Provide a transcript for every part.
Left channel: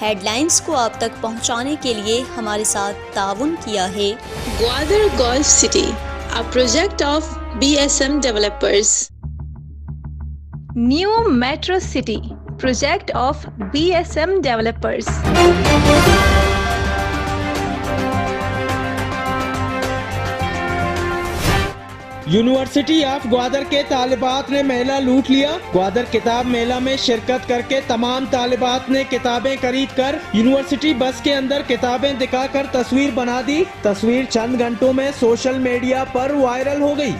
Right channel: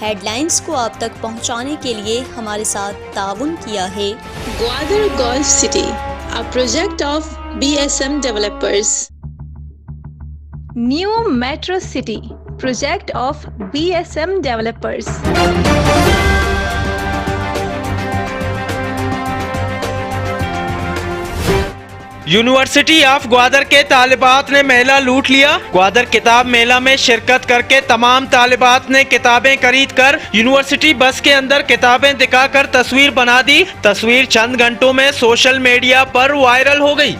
Headlines को आप तक पहुंचाने के लिए हमारे साथ ताउन किया है Gwadar golf city, a project of BSM developers. New Metro City, project of BSM developers. University of Gwadar के तालिबात ने मेला लूट लिया। ग्वादर किताब मेला में शिरकत करके तमाम तालिबात ने किताबें खरीद कर यूनिवर्सिटी बस के अंदर किताबें दिखाकर तस्वीर बना दी। तस्वीर चंद घंटों में सोशल मीडिया पर वायरल हो गई।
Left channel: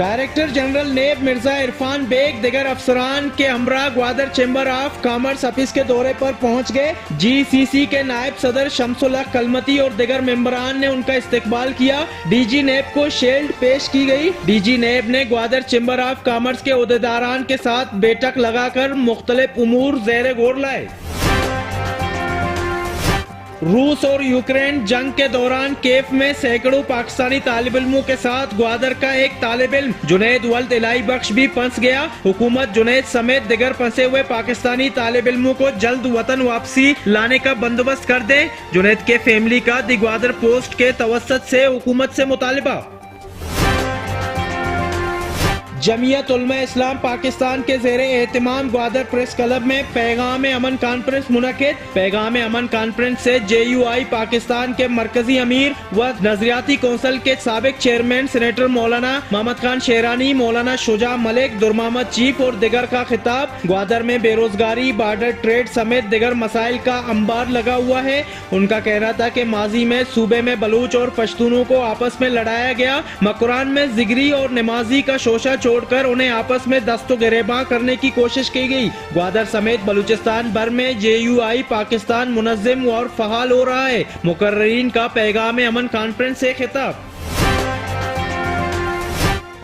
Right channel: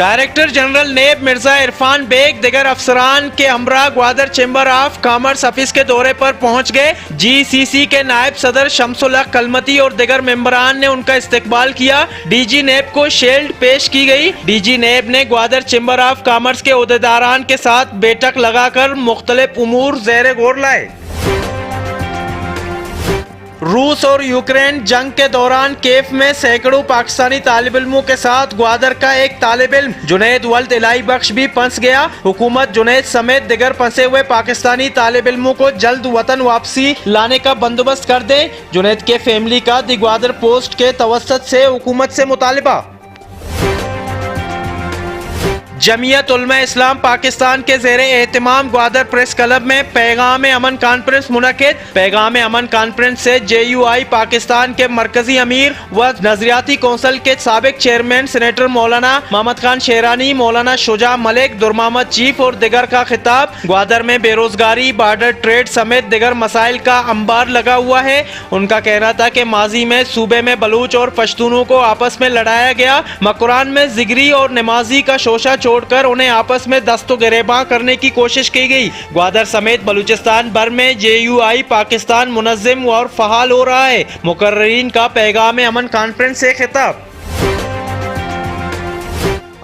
डायरेक्टर जनरल नेब मिर्जा इरफान बेग दिगर अफसरान के हमरा Gwadar chamber of commerce office के दौरे पर पहुंच गए। GCC के नायब सदर शमसुल हक कलमती और दिगर मेंबरान ने उनका इस्तकबाल किया। DG नेब को शील्ड पेश की गई। DG नेब ने ग्वादर चेंबर ऑफ कॉमर्स के ओहदेदारान के साथ बैठक लगाकर मुख्तलिफ उमूर ज़ेरे गौर लाए। रूस और यूक्रेन जंग के दौरान केफ में सैकड़ों पाकिस्तानी तालिब इल्मों के साथ ग्वादर का एक तालिब इल्म जुनैद वल्द इलाही बख्श भी फंस गया। हुकूमत जुनैद समेत दिगर फंसे हुए पाकिस्तानी तालिब इल्मों को जल्द वतन वापसी लाने का बंदोबस्त कर दे। जुनैद के फैमिली का दी ग्वादर पोस्ट के तवस्सुत से हुकूमत से मुतालिबा। जमीयत उलमा इस्लाम पाकिस्तान के ज़ेरे एहतमाम ग्वादर प्रेस क्लब में पैगाम अमन कॉन्फ्रेंस मुनक़िद। पैगाम अमन कॉन्फ्रेंस से JUI पाकिस्तान के मरकजी अमीर व नजरियाती कौंसिल के साबिक चेयरमैन सेनेटर मौलाना मोहम्मद खान शेरानी, मौलाना शुजा मलिक, दुरमामद चीफ और दिगर का खिताब। ग्वादर में बेरोजगारी, बॉर्डर ट्रेड समेत दिगर मसाइल का अंबार लगा हुआ है। उनका कहना था कि माजी में सूबे में बलूच और पश्तूनों को आपस में लड़ाया गया। मकुरान में जिगरी और नमाजी का शोशा छोड़कर उन्हें आपस में दस्तो गिरेबां करने की कोशिश की गई। ग्वादर समेत बलूचिस्तान भर में JUI पाकिस्तान मुनज़्ज़िम और फ़हाल हो रहा है। मुकर्रीन का पैगाम अमन कॉन्फ्रेंस से खिताब।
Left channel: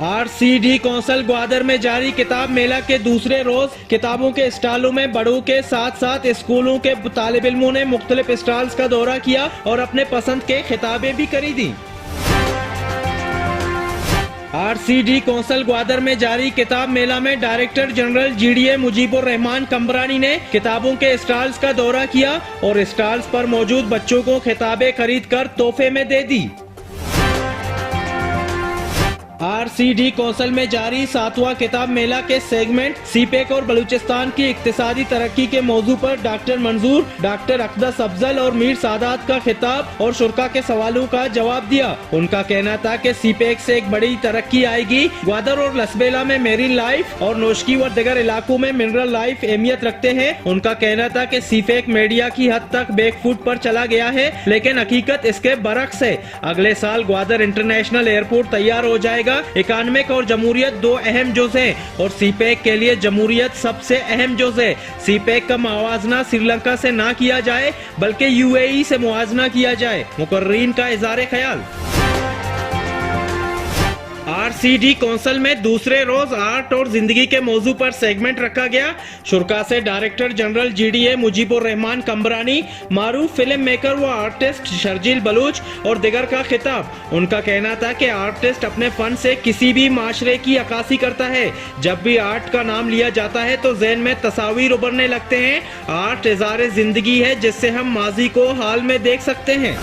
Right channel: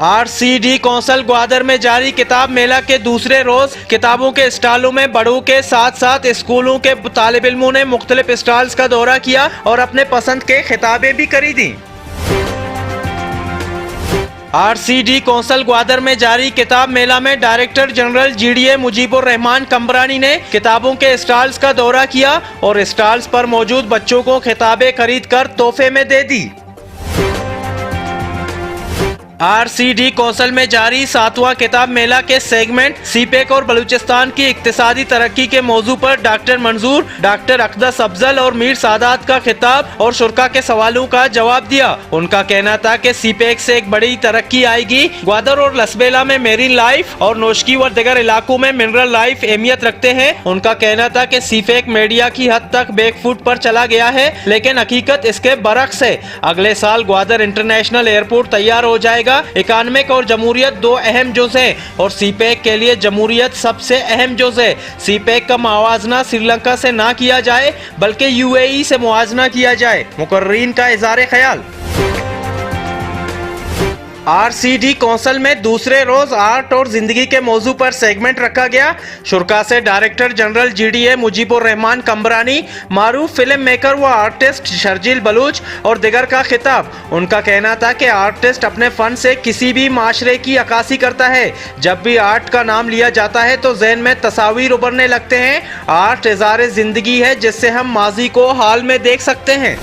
RCD कौंसिल ग्वादर में जारी किताब मेला के दूसरे रोज किताबों के स्टॉलों में बड़ों के साथ साथ स्कूलों के तालिब इल्मों ने मुख्तलिफ स्टॉल्स का दौरा किया और अपने पसंद के किताबें भी खरीदी। RCD कौंसिल ग्वादर में जारी किताब मेला में director general GDA Mujibur Rahman Kambrani ने किताबों के स्टॉल्स का दौरा किया और स्टॉल्स पर मौजूद बच्चों को किताबें खरीद कर तोहफे में दे दी। RCD कौंसिल में जारी 7वां किताब मेला के सेगमेंट CPEC और बलूचिस्तान की इक्तिसादी तरक्की के मौजू पर डॉक्टर मंजूर, डॉक्टर अकदस अफजल और मीर सादात का खिताब और शुरका के सवालों का जवाब दिया। उनका कहना था कि CPEC से एक बड़ी तरक्की आएगी। ग्वादर और लसबेला में मेरीन लाइफ और नोशकी व दिगर इलाकों में मिनरल लाइफ अहमियत रखते हैं। उनका कहना था कि CPEC मीडिया की हद तक बैकफुट पर चला गया है, लेकिन हकीकत इसके बरक्स है। अगले साल ग्वादर इंटरनेशनल एयरपोर्ट तैयार हो जाएगा। इकानमिक और जमहूरियत दो अहम जुज़ हैं और CPEC के लिए जमहूरियत सबसे अहम जुज़ है। CPEC का मुआवजना श्रीलंका से ना किया जाए बल्कि UAE से मुआवजना किया जाए। मुकर्रीन का इज़हार ख्याल। RCD कौंसिल में दूसरे रोज आर्ट और जिंदगी के मौजू पर सेगमेंट रखा गया। शुरका से director general GDA Mujibur Rahman Kambrani, मारूफ फिल्म मेकर व आर्टिस्ट शर्जील बलूच और दिगर का खिताब। उनका कहना था कि आर्टिस्ट अपने फन से किसी भी माशरे की अक्कासी करता है। जब भी आर्ट का नाम लिया जाता है तो जहन में तस्वीर उभरने लगते हैं। आर्ट इज़हार जिंदगी है जिससे हम माजी को हाल में देख सकते हैं।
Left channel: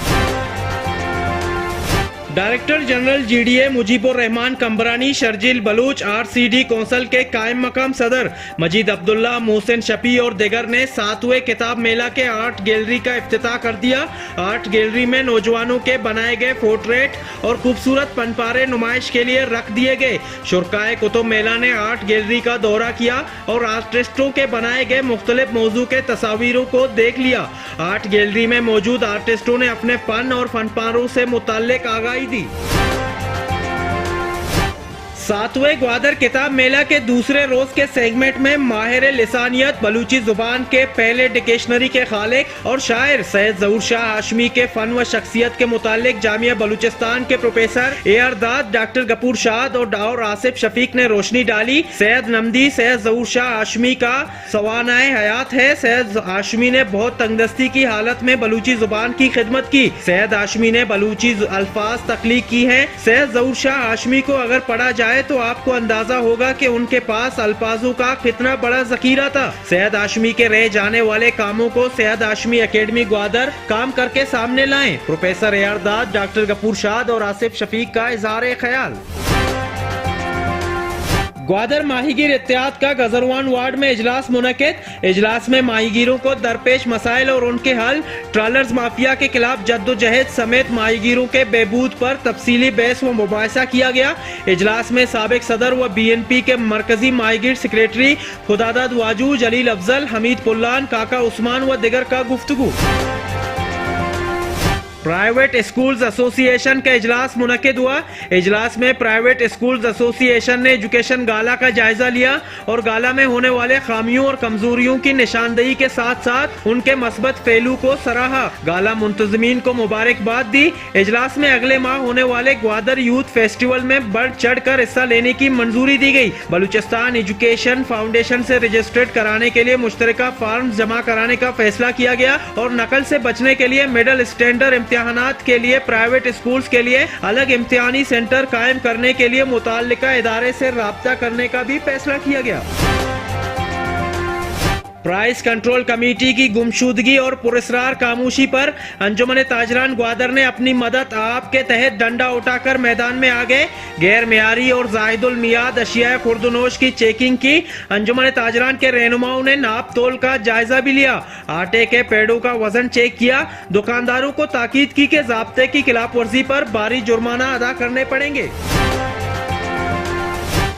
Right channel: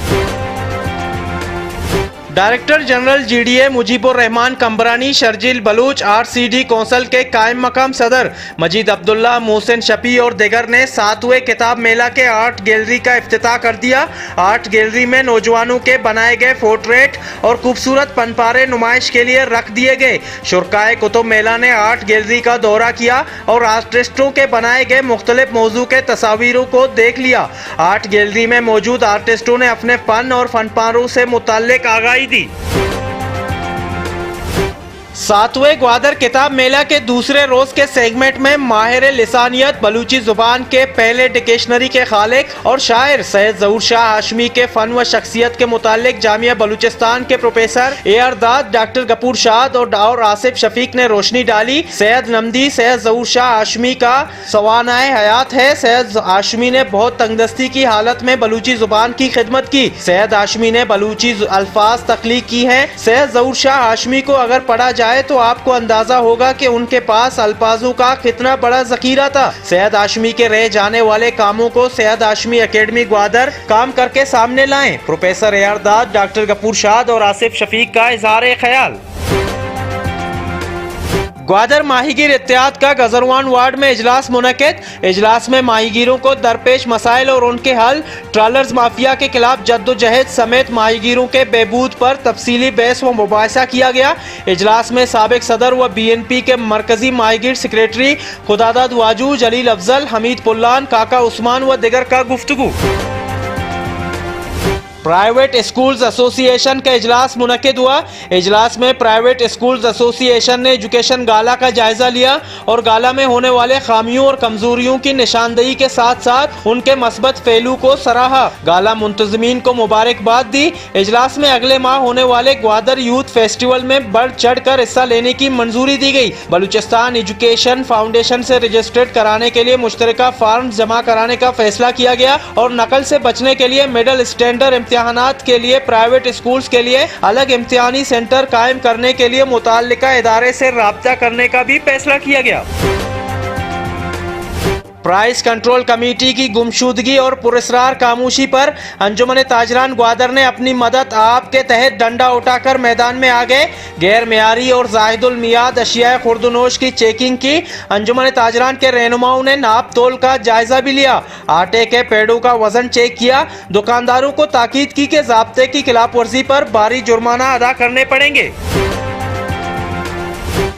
Director general GDA Mujibur Rahman Kambrani, Sharjeel Baloch, RCD council के कायम मकाम सदर मजीद अब्दुल्ला, मोहसिन शफी और दिगर ने 7वें किताब मेला के आर्ट गैलरी का इफ्तिताह कर दिया। आर्ट गैलरी में नौजवानों के बनाए गए पोर्ट्रेट और खूबसूरत पनपारे नुमाइश के लिए रख दिए गए। शुरकाए कुतुब मेला ने आर्ट गैलरी का दौरा किया और आर्टिस्टों के बनाए गए मुख्तलिफ मौजू के तस्वीरों को देख लिया। आर्ट गैलरी में मौजूद आर्टिस्टों ने अपने फन और फनपारों से मुताल्लिक आगाही दी। 7वें ग्वादर किताब मेला के दूसरे रोज के सेगमेंट में माहिर लिसानियत बलूची जुबान के पहले डिक्शनरी के खालिक और शायर सैयद ज़हूर शाह हाशमी के फन व शख्सियत के मुतालिक जामिया बलूचिस्तान के प्रोफेसर AR दाद, डॉक्टर गफूर शाद और आसिफ शफीक ने रोशनी डाली। सैयद नमदी सैयद ज़हूर शाह हाशमी का सवानाए हयात है। सैयद हाशमी ने बहुत तंगदस्ती की हालत में बलूची जुबान की खिदमत की। सैयद हाशमी ने बलूची अल्फाज तख्लीक की हैं। सैयद ज़हूर शाह हाशमी को अगर पढ़ा जाए जाए तो आपको अंदाजा होगा कि उनके पास अल्फाजों का कितना बड़ा जखीरा था। सैयद हाशमी के रह जाने वाले कामों को सैयद हाशमी एकेडमी ग्वादर काम करके सामने लाएं। प्रोफेसर एयरदाद, डॉक्टर गफूर शाद और आसिफ शफीक का इजहार ख्याल। ग्वादर माहीगीर इत्तेहाद का गजरवान वार्ड में इजलास मुनक्किद। इजलास में माहीगीरों को दरपेश मसाइल और उनके हल, ट्रॉलर्स माफिया के खिलाफ जद्दोजहद समेत माहीगीरों के बहबूद पर तफसीली बहस व मुबाहिसा किया गया। इजलास में साबिक सदर व BNP के मरकजी माहीगीर सेक्रेटरी खुदादाद वाजू, जलील अफजल, हमीद पुल्लान, काका उस्मान व दिगर का गुफ्तगू। प्राइवेट स्कूल्स एसोसिएशन का इजलास मुनक्किद हुआ। इजलास में प्राइवेट स्कूल्स एसोसिएशन ने एजुकेशन गाला का जायजा लिया और गाला में होने वाले खामियों और कमजोरियों की निशानदेही के साथ साथ उनके मस्बत पहलू को सराहा। गाला मुंतजमीन को मुबारकबाद दी। इजलास में अगले माह होने वाले ग्वादर यूथ फेस्टिवल में बढ़ चढ़ कर हिस्सा लेने की मंजूरी दी गई। बलूचिस्तान एजुकेशन फाउंडेशन से रजिस्ट्रेट कराने के लिए मुश्तरका फॉर्म जमा कराने का फैसला किया गया और नकल से बचने के लिए मिडल स्टैंडर्ड इम्तिहानात के लिए प्राइवेट स्कूल्स के लिए अलग इम्तिहानी सेंटर कायम करने के लिए मुताल्लिका इदारे से राब्ता करने का भी फैसला किया गया। प्राइस कंट्रोल कमेटी की गुमशुदगी और पुरस्कार खामोशी पर अंजुमन ताजरान ग्वादर ने अपनी मदद आप के तहत डंडा उठाकर मैदान में आ गए। गैर मेयारी और जाहिदुल मियाद अशिया खुर्दनोश की चेकिंग की। अंजुमन ताजरान के रहनुमाओं ने नाप तोल का जायजा भी लिया। आटे के पेड़ों का वजन चेक किया। दुकानदारों को ताकीद की कि ज़ाब्ते की खिलाफ वर्जी पर भारी जुर्माना अदा करने पड़ेंगे।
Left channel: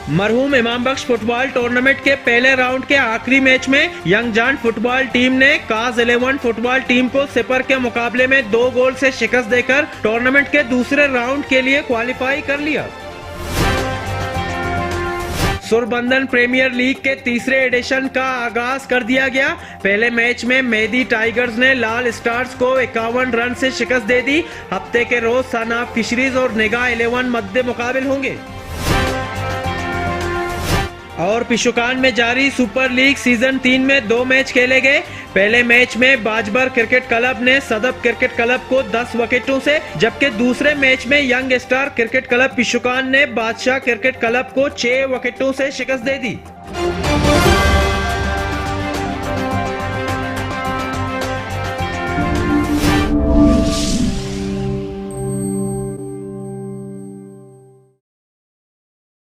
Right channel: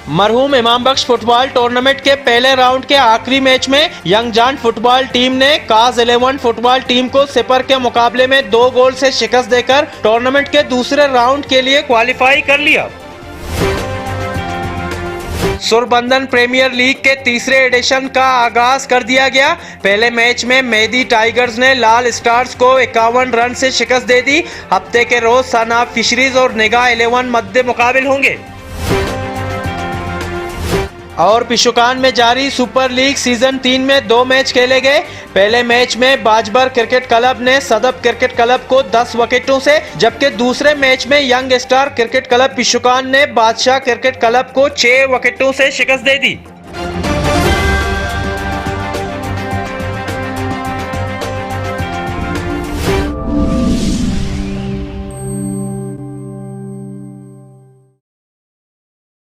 मरहूम इमाम बख्श फुटबॉल टूर्नामेंट के पहले राउंड के आखिरी मैच में यंग जान फुटबॉल टीम ने काज 11 फुटबॉल टीम को सिपर के मुकाबले में 2 गोल से शिकस्त देकर टूर्नामेंट के दूसरे राउंड के लिए क्वालिफाई कर लिया। सुरबंदन प्रीमियर लीग के तीसरे एडिशन का आगाज कर दिया गया। पहले मैच में मेहदी टाइगर्स ने लाल स्टार्स को 51 रन से शिकस्त दे दी। हफ्ते के रोज सनाब फिशरीज और निगाह 11 मद्दे मुकाबिल होंगे। और पिशुकान में जारी सुपर लीग सीजन 3 में 2 मैच खेले गए। पहले मैच में बाजबर क्रिकेट क्लब ने सदफ क्रिकेट क्लब को 10 विकेटों से, जबकि दूसरे मैच में यंग स्टार क्रिकेट क्लब पिशुकान ने बादशाह क्रिकेट क्लब को 6 विकेटों से शिकस्त दे दी।